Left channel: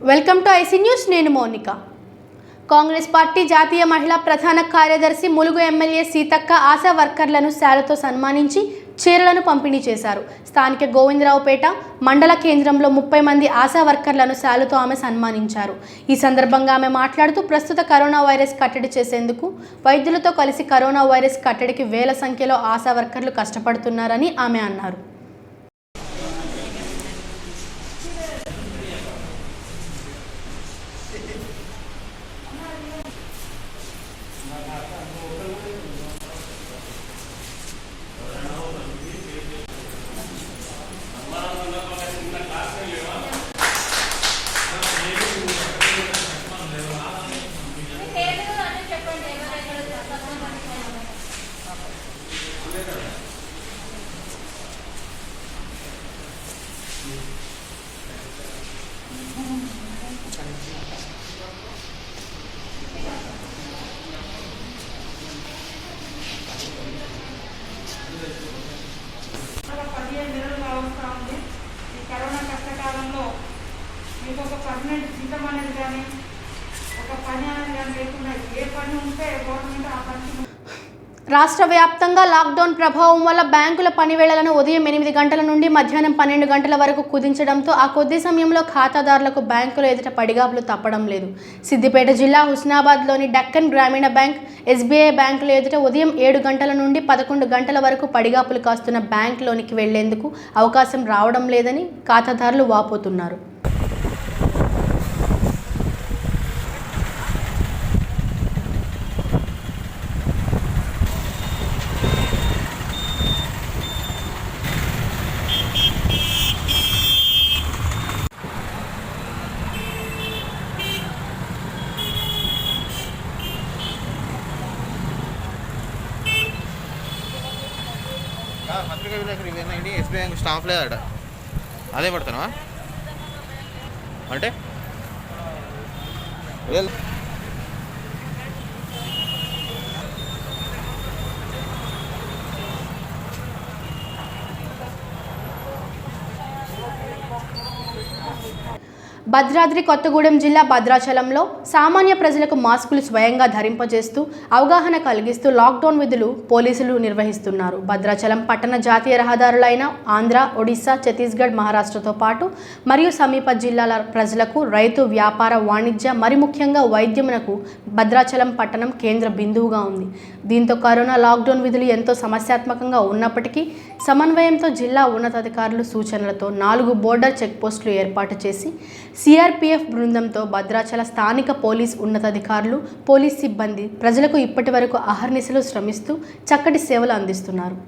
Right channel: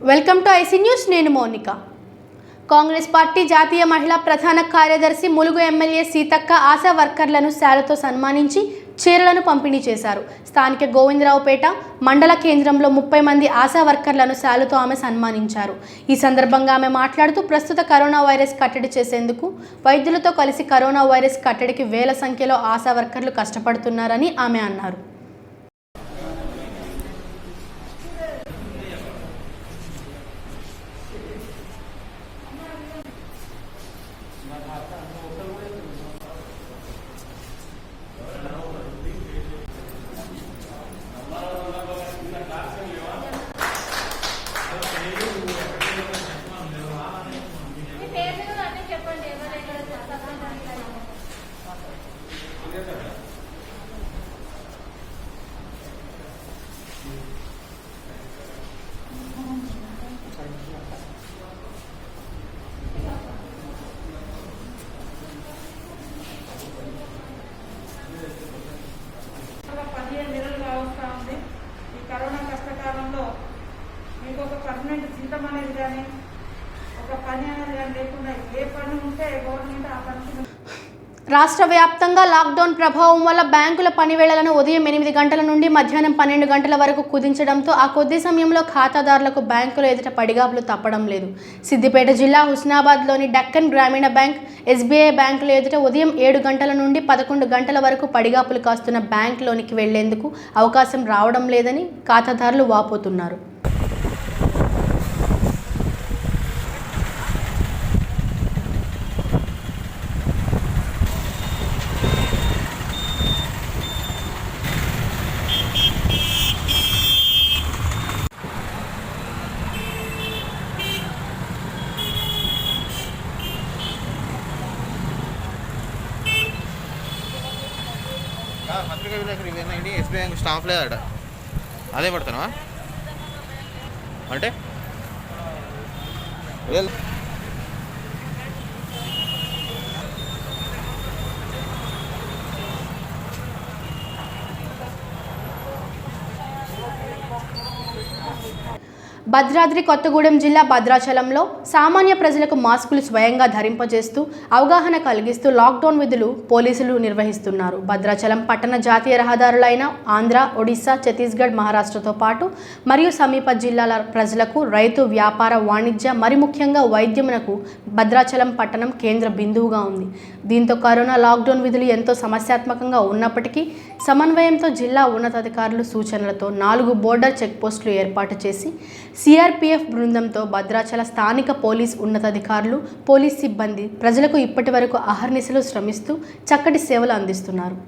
Welcome to IC news. నేను Mounika. Congress party జాతీయ మహిళా ప్రధాన కార్యదర్శి ములుగు ఎమ్మెల్యే సీతక్క ఆశా వర్కర్లను శాలుతో సన్మానించి చీరలను పంపిణీ చేశారు. స్థానిక గోవిందరావుపేట మండల కేంద్రంలో 30 మంది ఆశా వర్కర్లను శాలుతో ఆమె సన్మానించారు. ఈ సందర్భంగా ఆమె మాట్లాడుతూ ప్రస్తుత కరోనా వైరస్ కట్టడి చేసేందుకు వైద్యులతో కలిసి కరోనా వైరస్ కట్టడికి వేల సంఖ్యలో ఆశా వర్కర్లు కష్టపడుతున్నారని ఆమె అన్నారు. కరోనా కష్టకాలంలో మీకు ఒక పర్మనెంట్ జీతం అనేది కానీ ఒక పని అనేది కానీ లేకుండా ఏ పని ఉంటే గవర్నమెంట్ ఆ పనికి. రాష్ట్ర వ్యాప్తంగా లాక్డౌన్ ప్రభావం వల్ల బ్యాంకుల పనివేళలను ఉదయం 8 గంటల నుండి మధ్యాహ్నం 12 గంటల వరకు కుదించడంతో ఆ కొద్ది సమయంలో ఖాతాదారులకు బ్యాంకుల ఎదుట పడిగాపులు తప్పడం లేదు. సిద్దిపేట జిల్లా హుస్నాబాద్లోని డక్కన్ గ్రామీణ బ్యాంక్, ఎస్బీఐ బ్యాంకుల ఎదుట ఉదయం 7 గంటల నుండి 11 గంటల వరకు పడిగాపులు కాస్తున్న బ్యాంకులోనికి వెళ్లేందుకు అవకాశం రావడం లేదని ఖాతాదారులు వాపోతున్నారు. పత్రికా విలేకరు ఇవేనండి. ఎస్బీఐ బ్యాంక్ స్టాఫ్ లేదట, అదే పడుతున్నావా అంటే భద్రాద్రి కొత్తగూడెం జిల్లా భద్రాచలంలో సామాన్య ప్రజలకు మాస్కులు స్వయంగా ధరింపజేస్తూ అవగాహన కలిగిస్తూ లాక్డౌన్ విధులు పోలీసులు నిర్వహిస్తున్నారు. భద్రాచలం పట్టణ జాతీయ రహదారులైన ఆంధ్ర, ఒడిశా, ఛత్తీస్గఢ్, మహారాష్ట్రతో పాటు మరియు సమీప జిల్లాల ప్రజలకు రైతు, వ్యాపార, వాణిజ్య మరి ముఖ్యంగా వైద్యమునకు భద్రాచలం పట్టణం కేంద్ర బిందువుగా ఉంది. దీంతో కరోనా లాక్డౌన్ విధులు ఎంతో సమస్యాత్మకంగా ఉన్నప్పటికీ సమన్వయంతో జిల్లా ఉన్నతాధికారులు సూచనలతో 4 బోర్డర్ చెక్పోస్టులు ఏర్పాటు చేసి సిఆర్పీఎఫ్ బృందంతో భద్రాచల స్థానిక పోలీస్ ఉన్నతాధికారులు, పోలీస్ సిబ్బంది ప్రజలకు ఇప్పటి వరకు అహర్నిశలు శ్రమిస్తూ చక్కటి సేవలు అందిస్తున్నారు.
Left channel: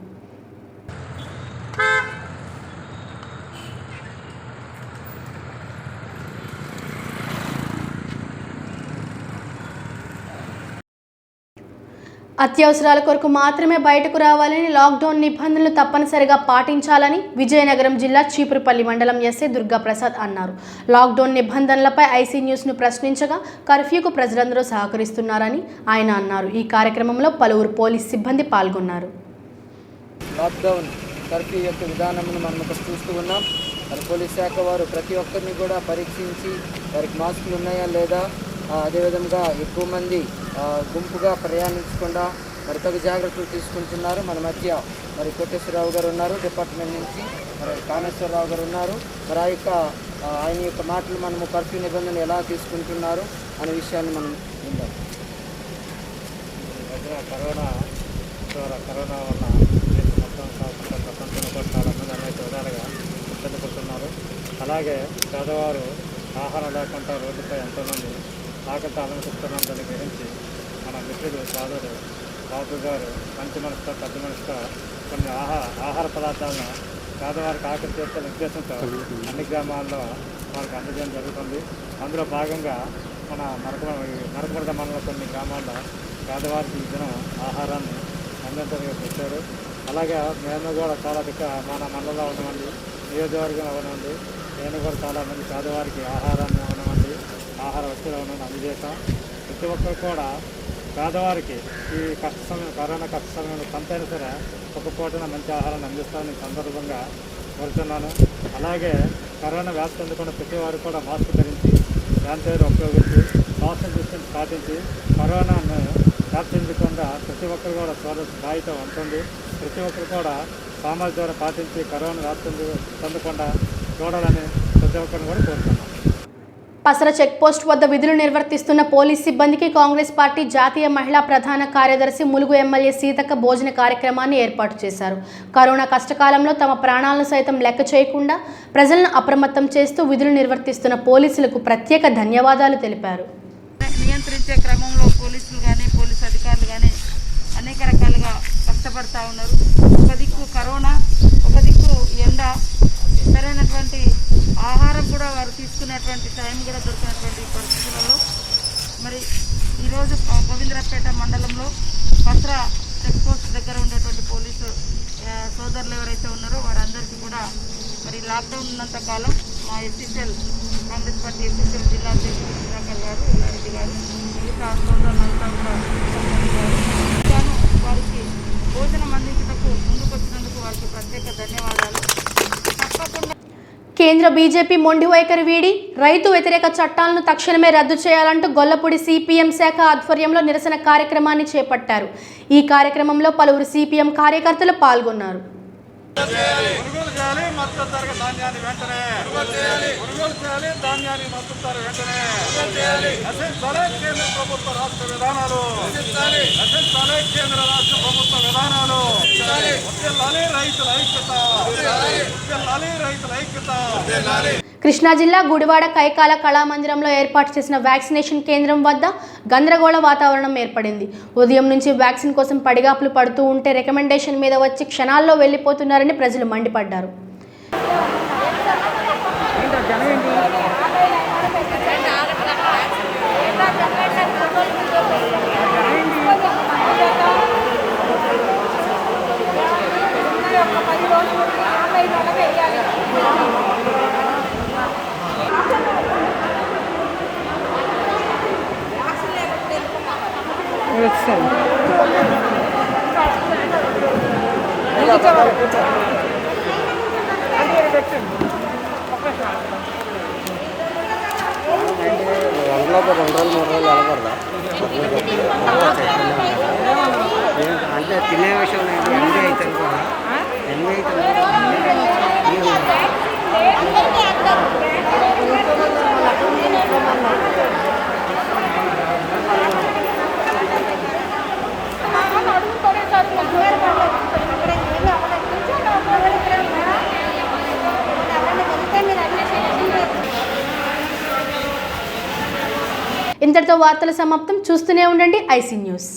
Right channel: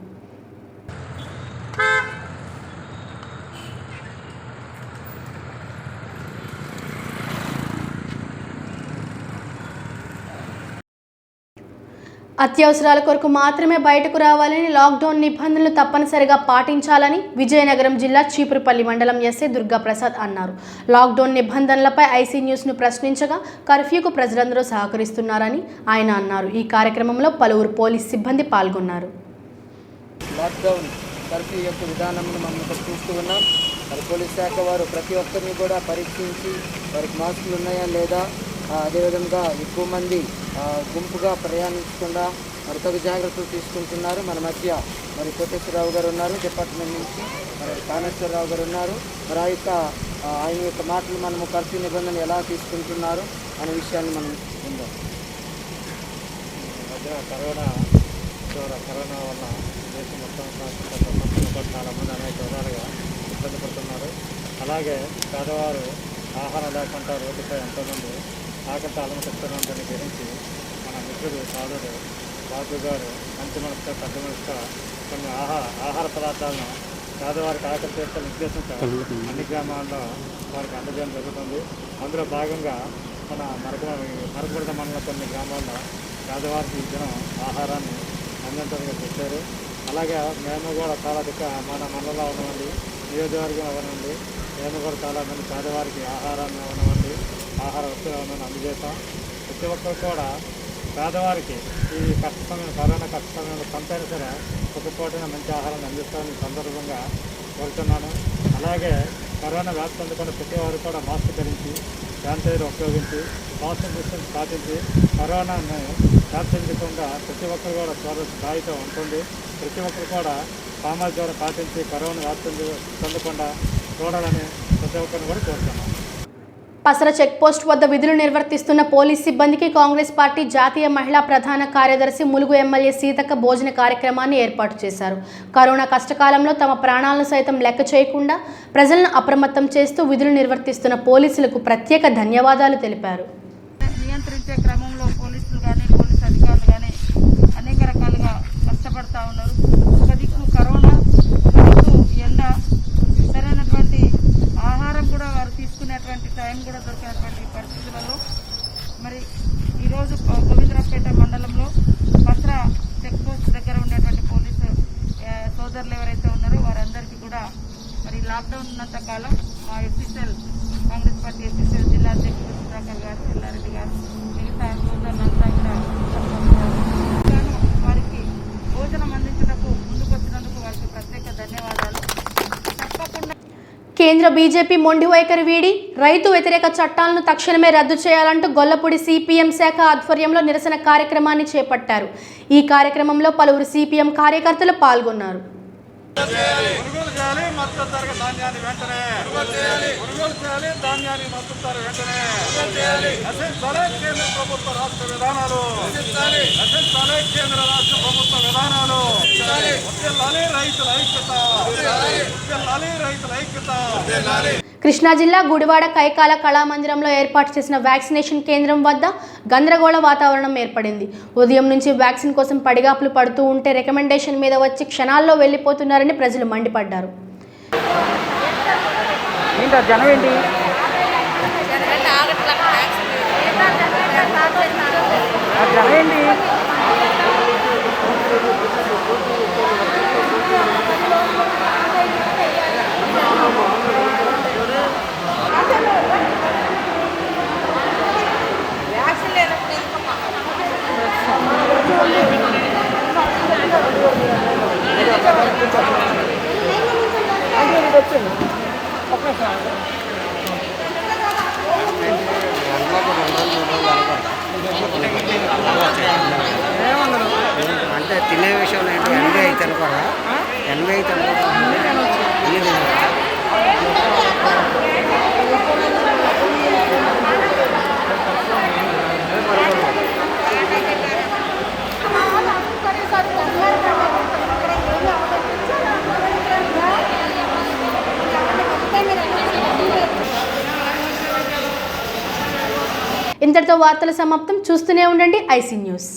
అత్యవసరాల కొరకు మాత్రమే బయటకు రావాలని, లాక్డౌన్ నిబంధనలు తప్పనిసరిగా పాటించాలని విజయనగరం జిల్లా చీపురుపల్లి మండలం ఎస్ఐ దుర్గాప్రసాద్ అన్నారు. లాక్డౌన్ నిబంధనలపై ఐసీ న్యూస్ను ప్రశ్నించగా కర్ఫ్యూకు ప్రజలందరూ సహకరిస్తున్నారని ఆయన అన్నారు. ఈ కార్యక్రమంలో పలువురు పోలీస్ సిబ్బంది పాల్గొన్నారు. లాక్డౌన్ కర్ఫ్యూ యొక్క విధానమును మనం చూస్తూ ఉన్నాం. మరి పోలీస్ శాఖ వారు ప్రతి ఒక్కరిని కూడా పరీక్షించి వారికి మాస్కులు ఉన్నాయా లేదా, అదేవిధంగా ఎక్కువ మంది గుంపుగా ప్రయాణించకుండా మరి తగు జాగ్రత్తలు తీసుకుంటున్నారు. మన మధ్య మరి కోటేశ్వరరావు గారు ఉన్నారు, డిపార్ట్మెంట్ నుంచి మరి కామేశ్వరరావు గారు ఉన్నారు. మరి ఆయన యొక్క మాటలు మనము కర్ఫ్యూ నిబంధనలు ఎలా తీసుకుంటున్నారు అనే విషయాన్ని మనం విందాం. మధ్యన కరోనా వల్ల దేశం మొత్తం కాకుండా ప్రపంచంలో కూడా చాలామంది అనేక విధాలుగా ఇబ్బంది పడుతున్నారు. అలాగే పేదవారు ఆహారం లేకుండా రోడ్డుపై ఎంతోమంది ఆకలితో అలమటిస్తున్నారని గ్రహించి మన మిత్రుడు సోదరుడు బాబు గారు మంచి మనసుతో, పెద్ద మనసుతో కొన్ని ఆహార పదార్థాలను పేదవారికి ఆకలి తీర్చాలనే ఉద్దేశంతో అన్ని గ్రామాల్లో వారికి అందజేయడం జరుగుతుంది. అందులో భాగంగా మన మరకముడద మండలం కొన్ని గ్రామాల్లో పేదవారికి ఈ దినం ఆహారాన్ని అందించడానికి తెచ్చారు. అలాగే మేము కూడా చాలా మన మండలంలో ఉన్నామండి, నియోజకవర్గంలో ఉన్నామండి, నేను కూడా చాలామంది పేదవారికి ఆహారాన్ని ఇవ్వనమండి, ఆహార వస్తువులను అందజేస్తాం. ప్రతి ఒక్కరు కూడా పేదవారికి ఈ కష్ట సమయం, కరోనా కష్ట సమయంలో కొంతైనా సరే ఒక పూటన మంచి ఆహారాన్ని అందిస్తామని సందర్భంగా కోరుతున్నాను. అలాగే కరోనా వ్యాప్తి అందుకున్న ప్రతి వారు కూడా మాస్క్ ధరించి శానిటైజర్ ఉపయోగించి సోషల్ డిస్టెన్స్ పాటించి కరోనాను వ్యాప్తించకుండా ప్రతి ఒక్కరు కూడా బాధ్యత ఉంటుంది. ప్రతి ఒక్కరు కూడా సామాజిక దూరం పాటించి కరోనా వ్యాప్తి చెందకుండా చూడాలని ప్రతి ఒక్కరిని కూడా కోరుతున్నాం. పసర చెక్పోస్ట్ వద్ద విధులు నిర్వర్తిస్తున్న పోలీస్ సిబ్బందికి కాంగ్రెస్ పార్టీ జాతీయ మహిళా ప్రధాన కార్యదర్శి ములుగు ఎమ్మెల్యే సీతక్క భోజన కార్యక్రమాన్ని ఏర్పాటు చేశారు. కరోనా కష్టకాలంలో తమ ప్రాణాలను సైతం లెక్క చేయకుండా ప్రజలను అప్రమత్తం చేస్తూ విధులు నిర్వర్తిస్తున్న పోలీసులకు ప్రత్యేక ధన్యవాదాలు తెలిపారు. నియంత్రించే క్రమంలో పోలీసులు కానీ పోలీసు అధికారులు కానీ అనేక రకాలుగా కష్టపడతా ఉన్నారు. ఒక దిక్కు కరోనా, ఒక దిక్కు ఎండ, సరైనటువంటి ఆహారం కూడా వారు తీసుకునేటువంటి టైం కూడా దొరికినటువంటి పరిస్థితులలో మరి ఈరోజు గోవిందరాపేట మండలంలో పసర చెక్ పోస్ట్ దగ్గర ఉండేటువంటి పోలీసు సోదరులు ఎవరైతే ఉన్నారో వారందరికీ కూడా మరి లాక్డౌన్ ఉన్నంత కాలం మా ఎస్సీసీఎల్ కాంగ్రెస్ పార్టీ ఎస్సీసీఎల్ జిల్లా అధ్యక్షుడు సుధాకర్ గారు, ఎల్లారెడ్డి గారు, మిగతా సోదరులంతా కూడా వారికి భోజనం అందించడానికి ముందుకు వచ్చినందుకు వారికి ప్రత్యేక ధన్యవాదాలు. తప్పకుండా కేంద్ర బీజేపీ మొండి వైఖరి వీడి రైతు వ్యతిరేక చట్టాలను తక్షణమే రద్దు చేయాలంటూ గొల్లపూడి సిపిఎం శాఖ ఆధ్వర్యంలో నిరసన కార్యక్రమాన్ని చేపట్టారు. ఈ కార్యక్రమంలో పలువురు సిపిఎం కార్యకర్తలు పాల్గొన్నారు. కృష్ణా జిల్లా గుడివాడ కైకాల కళామందిరంలో ఏర్పాటు చేసిన వ్యాక్సినేషన్ కేంద్రం వద్ద గందరగోళ వాతావరణం ఏర్పడింది. ఉదయం నుంచి వ్యాక్సిన్ కోసం పడిగాపులు పడుతూ ఉంటే రికమెండేషన్ మీద వచ్చి క్షణాల్లో వెళ్లిపోతున్నారని ప్రజలు మండిపడ్డారు. అంటే తినే విషయంలో ఏంటి 80 అనుకోరా 80 అనుకోరా ఇంతటితో వార్తల సమాప్తం. చూస్తూనే ఉండండి ఐసీ న్యూస్.